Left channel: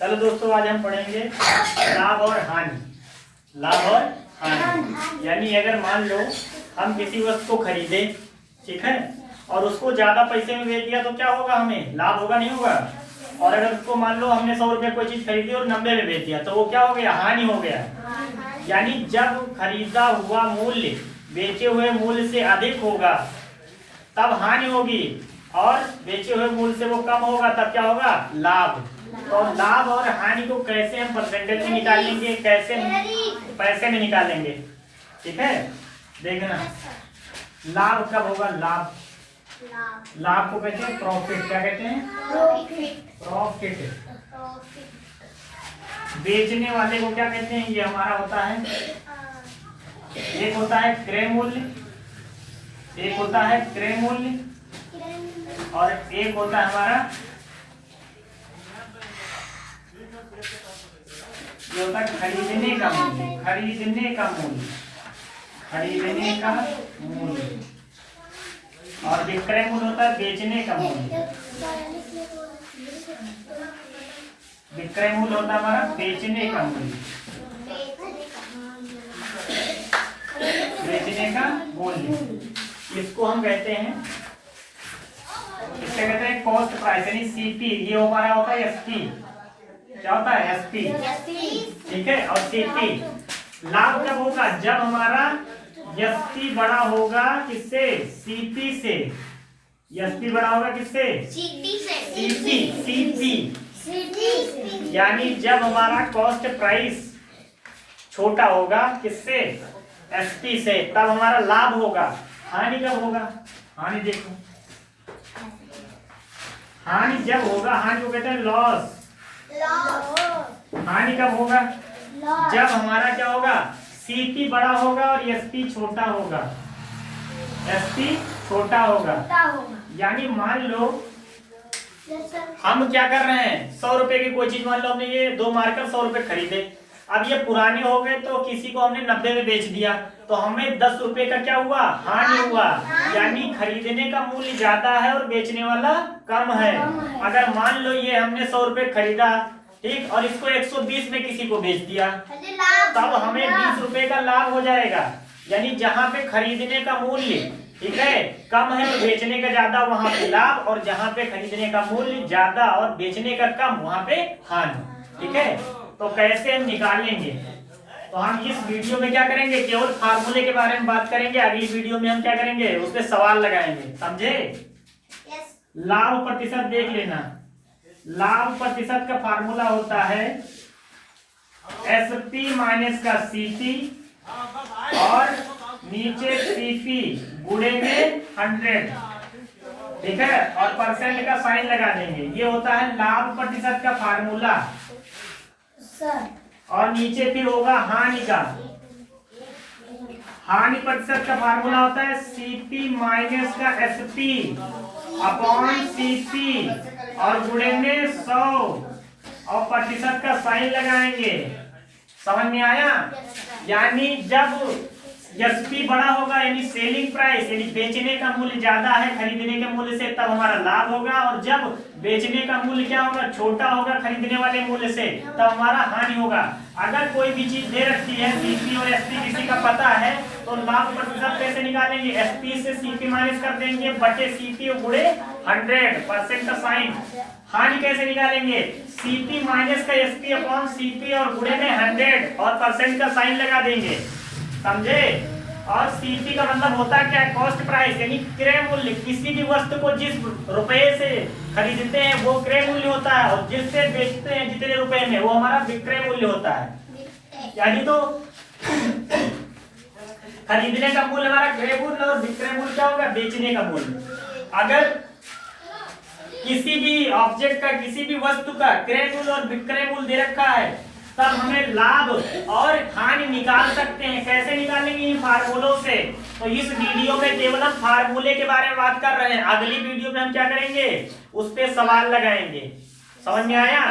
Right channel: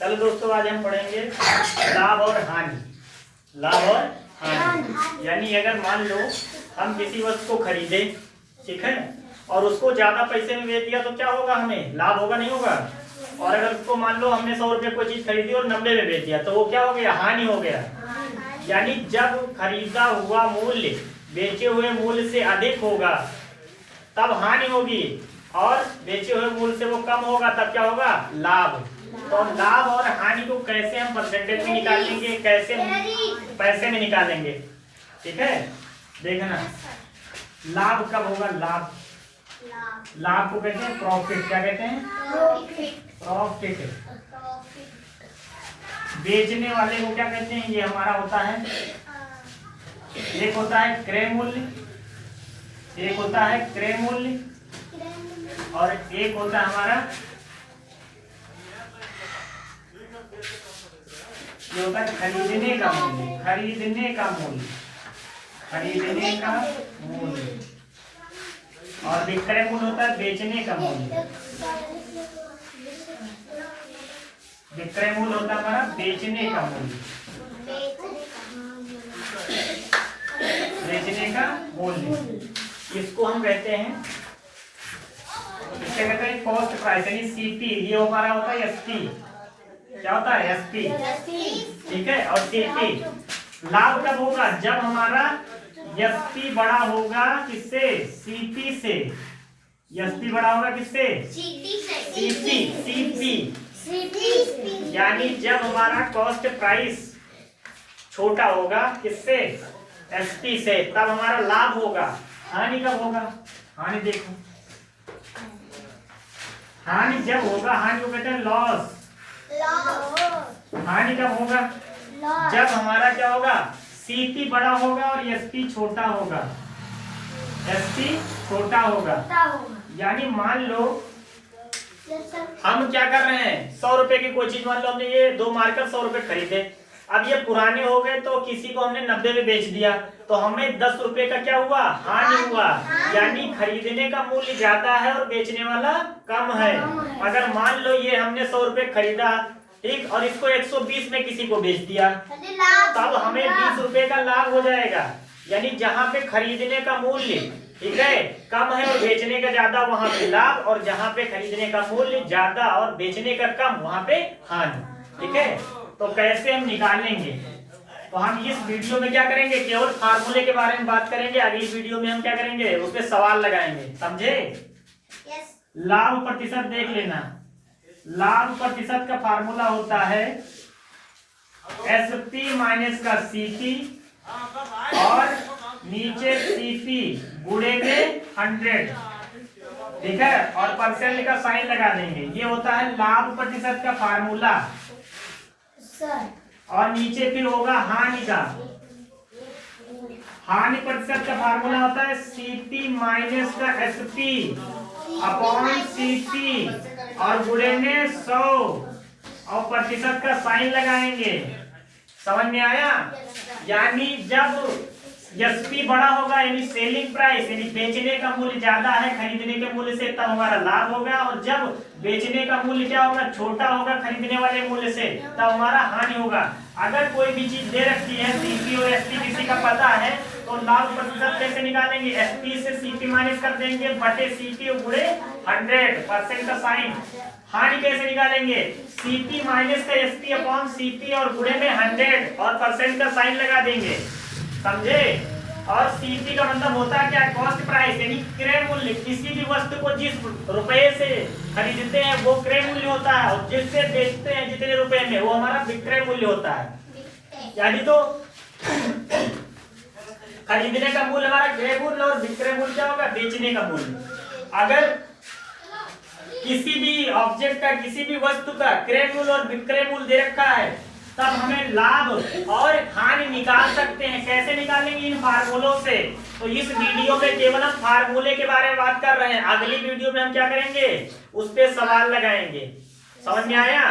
चलो दोस्तों, आज हम पढ़ेंगे लाभ और हानि। लाभ और हानि यानी अगर मान लो हम किसी वस्तु को खरीदे, ठीक है, और उसको ज्यादा पैसे में बेच दिया तो क्या होगा? हमें लाभ होगा, नहीं होगा? और अगर उसको मान लो हमने 100 रुपये कोई चीज खरीदी और 90 में बेच दिया तो वो क्या हो गया? हानि हो गया। यानी जब खरीदा हुआ मूल्य बेचे हुए मूल्य से अधिक होगा तब हानि होगी, और बेचे हुए मूल्य से वो कम होगा तब क्या होगा? लाभ। तो लाभ और हानि को कैसे हम परसेंटेज में निकाल लेंगे, कैसे पैसे में निकालेंगे? ठीक है, देखना लाभ कब होगा? लाभ, लाभ को कहते हैं प्रॉफिट। क्या कहते हैं? प्रॉफिट। बेचने वाले को क्या कहते हैं? ये हमारा होता है, एक होता है क्रय मूल्य, एक होता है क्रय मूल्य, और एक होता है हमारा, ये होता है खरीदने का मूल्य। खरीदने का मूल्य, खरीदने का मूल्य। और विक्रय मूल्य होता है बेचने का मूल्य। विक्रय मूल्य होता है हमारा बेचने का मूल्य। बेचने का मूल्य, इसको हम कहते हैं, इससे कहते हैं कॉस्ट प्राइस, यानी सीपी। ये हमारा होता है एसपी। क्या होता है? एसपी। ठीक है, और सीपी। लाभ कब होगा? जब हमारा एसपी बड़ा होगा किससे? सीपी से। एसपी बड़ा होगा किससे? सीपी। सीपी यानी जब हमारा कॉस्ट प्राइस छोटा होगा किससे? एसपी से, तब हमारा लाभ होगा। हानि कब होगा? हानि देखो, हानि जब होगा, हानि को कहते हैं लॉस। हानि कब होगा? जब हमारा क्या होगा? सीपी बड़ा होगा और एसपी छोटा होगा। एसपी छोटा होगा। यानी मान लो हम क्या कर रहे हैं, 100 रुपए की कोई चीज, मान लो हमने ये 2 मार्कर 100 रुपए खरीदे, अब ये पुराने हो गए तो किसी को हमने 90 में बेच दिया तो हमें 10 रुपए का क्या हुआ? हानि हुआ। यानी खरीदने का मूल्य ज्यादा है और बेचने वाला कम है। अगर मान लो ये हमने 100 रुपए खरीदा, ठीक, और इसको 120 में किसी को बेच दिया तब हमें 20 रुपए का लाभ हो जाएगा। यानी जहाँ पे खरीदने का मूल्य, ठीक है, कम है और बेचने का ज्यादा, वहां पे लाभ, और जहाँ पे खरीदने का मूल्य ज्यादा और बेचने का कम, वहां पे हानि। ठीक है, तो कैसे हम निकालेंगे? तो हम इस वीडियो में क्या करेंगे? केवल फार्मूले के बारे में बात करेंगे। अगली वीडियो में हम क्या करेंगे? उसपे सवाल लगाएंगे। समझे? लाभ प्रतिशत देख लेना। लाभ प्रतिशत का फार्मूला होता है एसपी माइनस का सीपी, और नीचे सीपी गुणे में 100, ठीक है, और परसेंट का साइन लगा देंगे। ये होता है लाभ प्रतिशत का फार्मूला। और नीचे फिर होगा हानि का। हानि प्रतिशत का फार्मूला होता है सीपी माइनस का एसपी अपॉन सीपी, और गुणे में 100, और प्रतिशत का साइन लगाएंगे। समझ में आया? यानी जब एसपी बड़ा होगा, यानी सेलिंग प्राइस, यानी बेचने का मूल्य ज्यादा है खरीदने के मूल्य से, तब हमारा लाभ होगा। और जब बेचने का मूल्य क्या होगा? छोटा होगा खरीदने वाले मूल्य से, तब हमारा हानि होगा। अगर कोई भी चीज दे रखी है, सीपी और एसपी किसी का पता है, तो लाभ प्रतिशत कैसे निकालेंगे? एसपी से सीपी माइनस कर देंगे बटे सीपी गुणे 100, परसेंट का साइन। हानि कैसे निकालेंगे? सीपी माइनस का एसपी अपॉन सीपी और गुणे में 100, और परसेंट का साइन लगा देंगे। समझे? और सीपी का मतलब होता है क्या? कॉस्ट प्राइस, यानी क्रय मूल्य। किसी भी वस्तु को जिस रुपए से खरीदते हैं वो क्रय मूल्य होता है, और जिससे बेचते हैं जितने रुपए में, वो हमारा विक्रय मूल्य होता है। यानी तो खरीदने का मूल्य हमारा क्रय मूल्य, और विक्रय मूल्य क्या होगा? बेचने का मूल्य। अगर किसी भी ऑब्जेक्ट का, किसी भी वस्तु का क्रय मूल्य और विक्रय मूल्य दे रखा है, तब हमें लाभ और हानि निकाल सकते हैं। कैसे निकालेंगे? इन फार्मूलों से। तो इस वीडियो में केवल हम फार्मूले के बारे में बात कर रहे हैं। अगली वीडियो में हम क्या करेंगे? उस पे सवाल लगाएंगे। समझ में आया?